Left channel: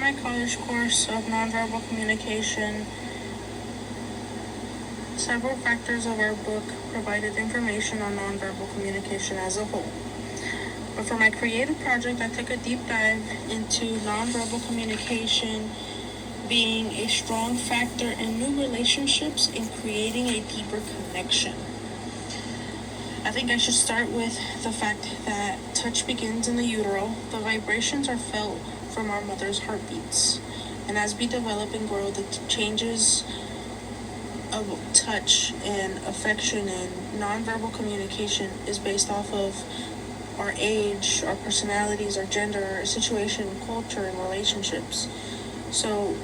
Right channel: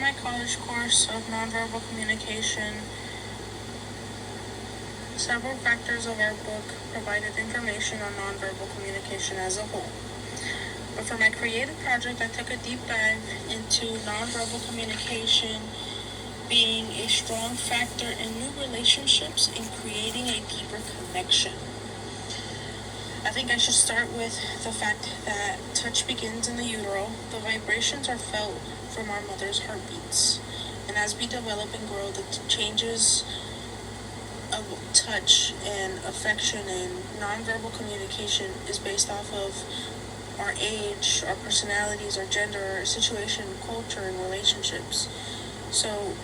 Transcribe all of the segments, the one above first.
my college course of nonverbal communication, several factors of our book provided information on nonverbal communication as a whole. But for my creative project, I took a deep dive into nonverbal communication being a strong factor in new relationships and creating a deeper connection. I think I should start with the fact that touch begins in the utero. The vibrations are felt from our mother's heartbeats. And as we develop and grow, the changes of touch and affection and nonverbal communication is based off of our age, our personalities, our gender, our situation, culture, and relationships. So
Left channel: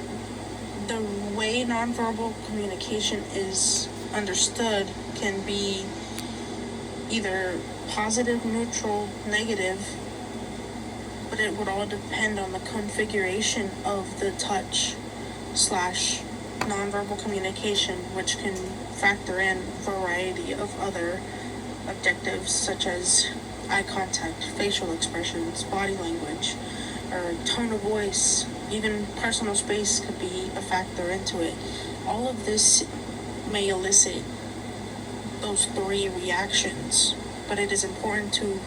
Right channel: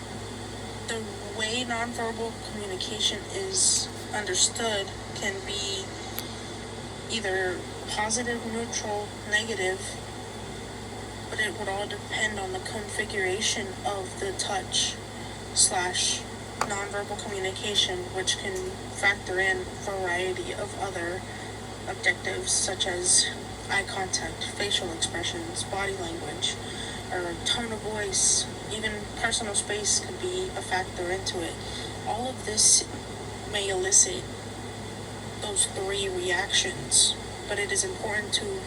the way nonverbal communication is understood can be either positive, neutral, negative, but it would all depend on the configuration of the touch slash nonverbal communication, which can factor in a variety of other objectives such as eye contact, facial expressions, body language, or tone of voice. Even personal space could be a factor into it. All of this may elicit those three reactions, but it is important to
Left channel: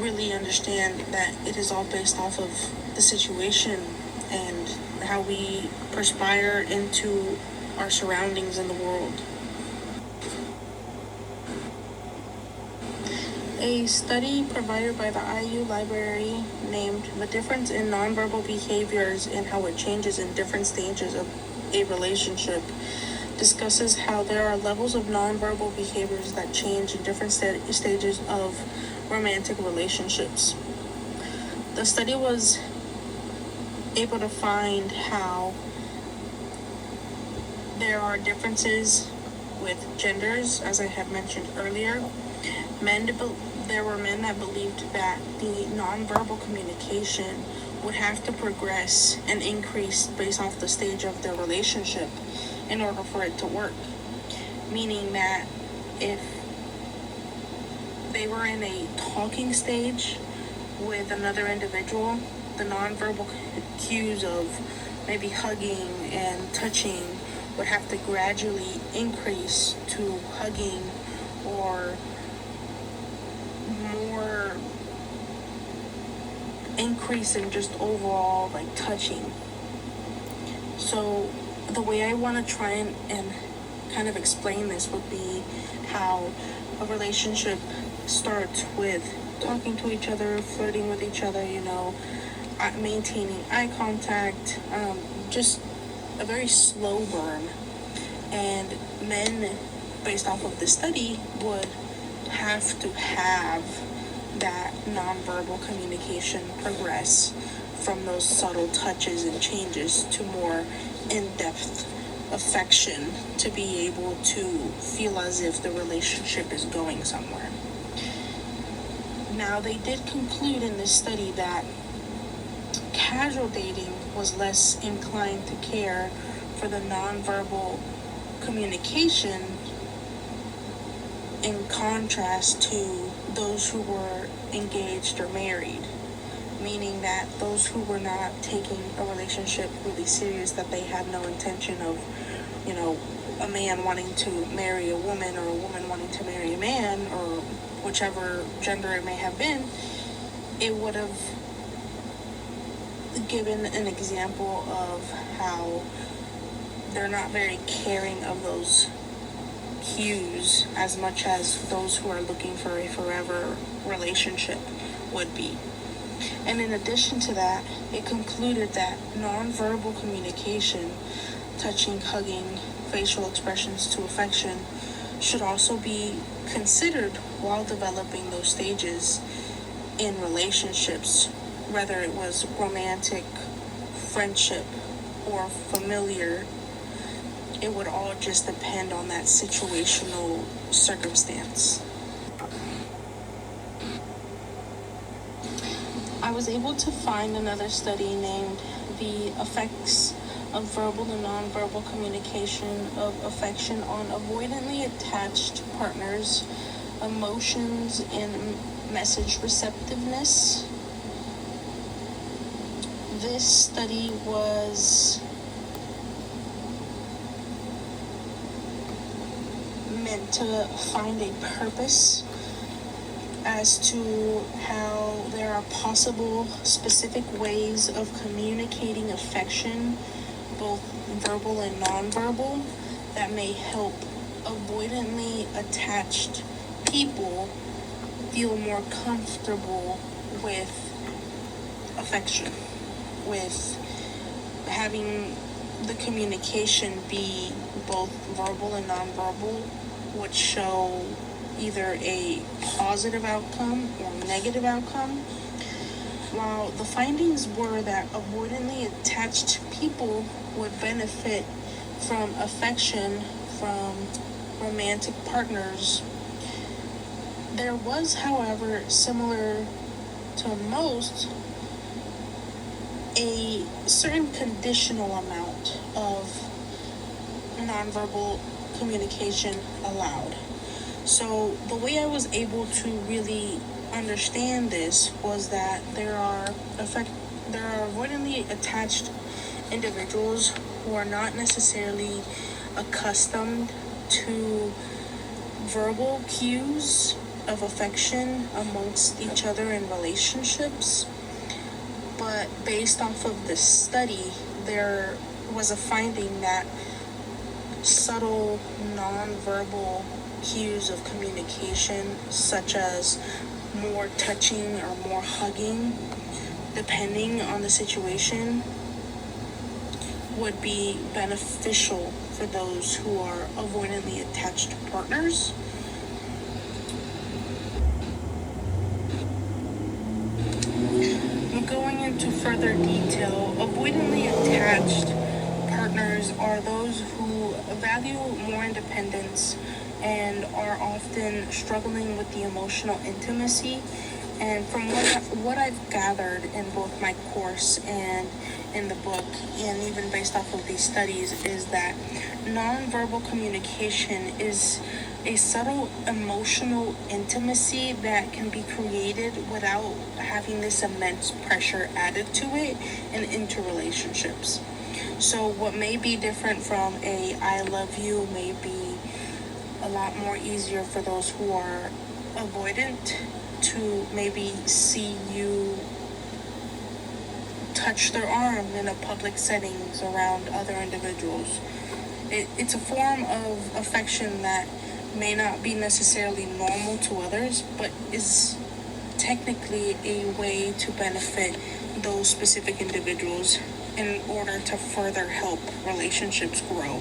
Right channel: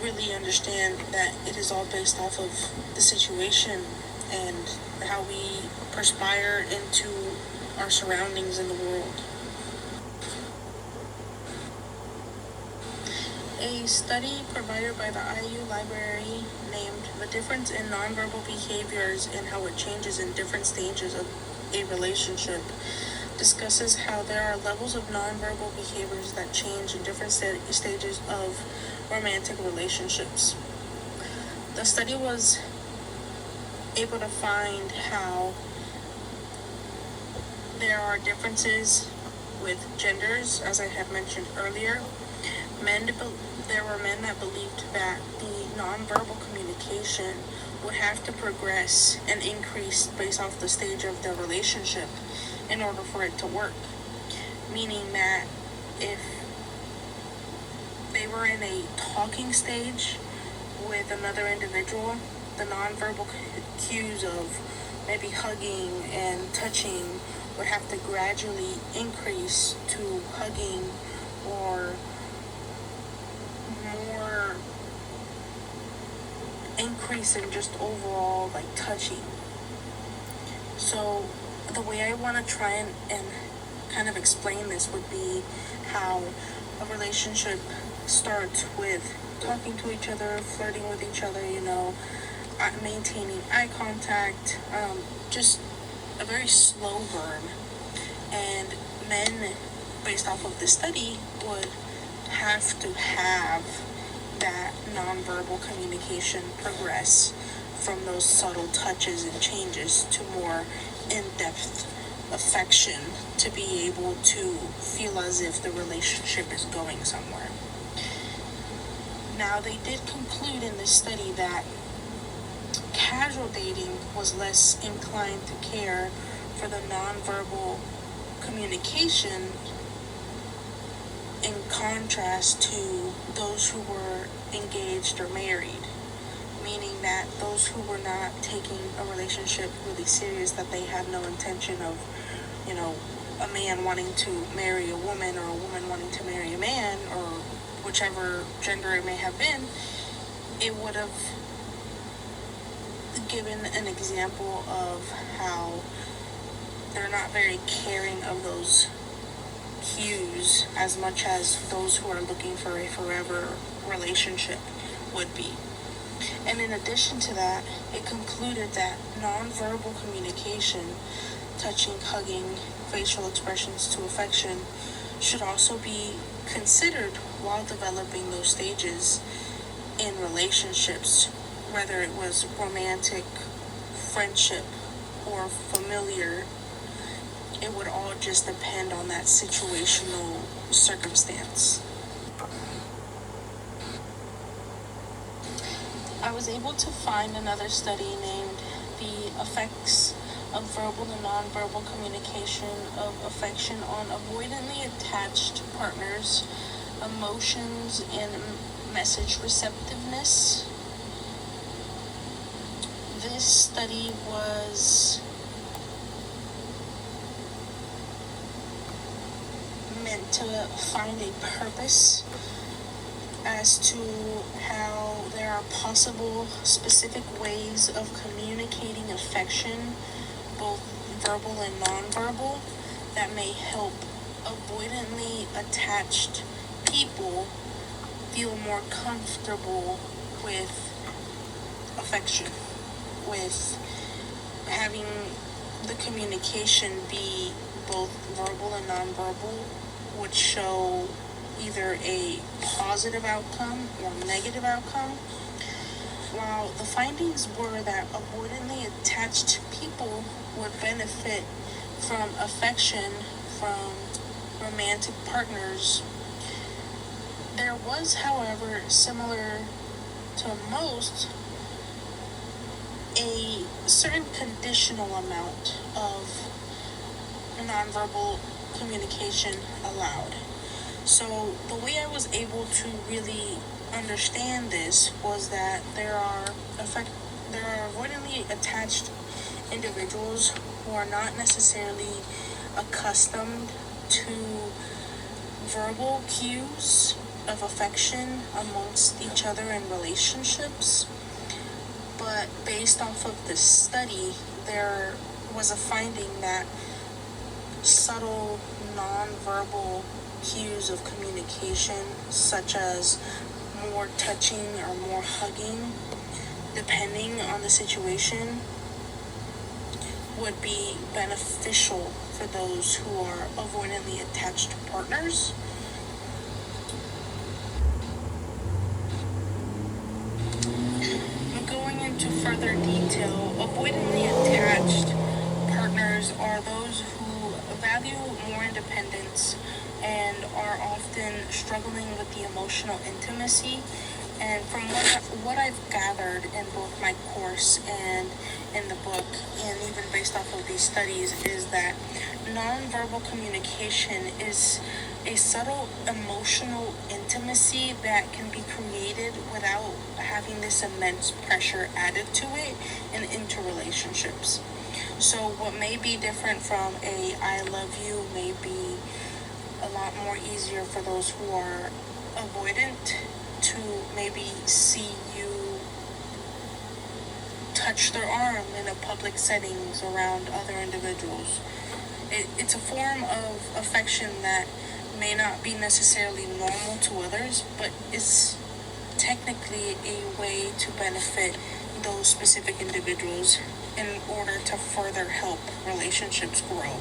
really understand that it is all based off of the situation and how we perspire into our surroundings in the world. A study provided by the IU Library named The Difference in Nonverbal Behaviors and How It Changes in Different Stages of a Relationship discusses how there are levels of nonverbal behaviors that change in different stages of romantic relationships. The study was able to find how there are differences with genders, as I had mentioned earlier. There were men that believed that the nonverbal communication would have to progress and increase based off the stage of their relationship in order for it to work. Meaning that if they were in a talking stage with another individual, the nonverbal cues of maybe hugging and touching would have to gradually increase to hugging or more increase in just overall like touching. So the way I want to try and kind of explain this would be how a relationship starts with talking to each other, flirting with each other, maintaining eye contact, just a very slow burn. And men, based off of the study, would have to have that nonverbal communication progress from those subtle touches and changes to more in-depth affection to be able to feel as if the relationship is going somewhere. Now, they did conclude in this study that casual dating was less inclined to care for the nonverbal communication in contrast to those who were engaged or married, meaning that those who were not taking a relationship really serious, that they had no intention of, a man wanting to marry a woman or a woman wanting to marry a man or whichever gender it may have been, it would have given an example of how they're not very caring of those cues as much as those who are looking for a forever relationship would be. And in addition to that, it concluded that nonverbal communication, touching, hugging, facial expressions to affection, should also be considered while developing those stages in relationships, whether it was romantic, friendship, or familiar. It would all just depend on that situational circumstance. I was able to find another study named The Effects of Verbal and Nonverbal Communication of Affection on Avoidantly Attached Partners, Emotions, and Message Receptiveness. This study to find a purpose as to how there are possible specific ways of communicating affection, both verbal and nonverbal, that may help avoidantly attached people feel more comfortable with affection, with having the communication be both verbal and nonverbal, would show either a positive outcome or negative outcome. While the findings were that avoidantly attached people would benefit from affection from romantic partners, there was, however, similar to most, a certain conditional amount of nonverbal communication allowed. So the way I was able to really understand this was that there are avoidantly attached individuals who are not necessarily accustomed to verbal cues of affection amongst each other in relationships. But based off of this study, there was a finding that subtle nonverbal cues of communication, such as more touching or more hugging, depending on the situation, would be beneficial for those who are avoidantly attached partners. Going into further detail, avoidantly attached partners are those who value more independence and are often struggling with the emotional intimacy. And from what I've gathered in both my course and in the book, and even based off of these studies, is that nonverbal communication is a subtle emotional intimacy that can be created without having this immense pressure added to it and into relationships. So what may be different from a I love you may be a lot more easier for those who are avoidant to maybe see you touch their arm in a public settings around other individuals. It's a form of affection that may not be necessarily normal to others, but is technically a way to benefit those specific individuals in order to further help relationships grow.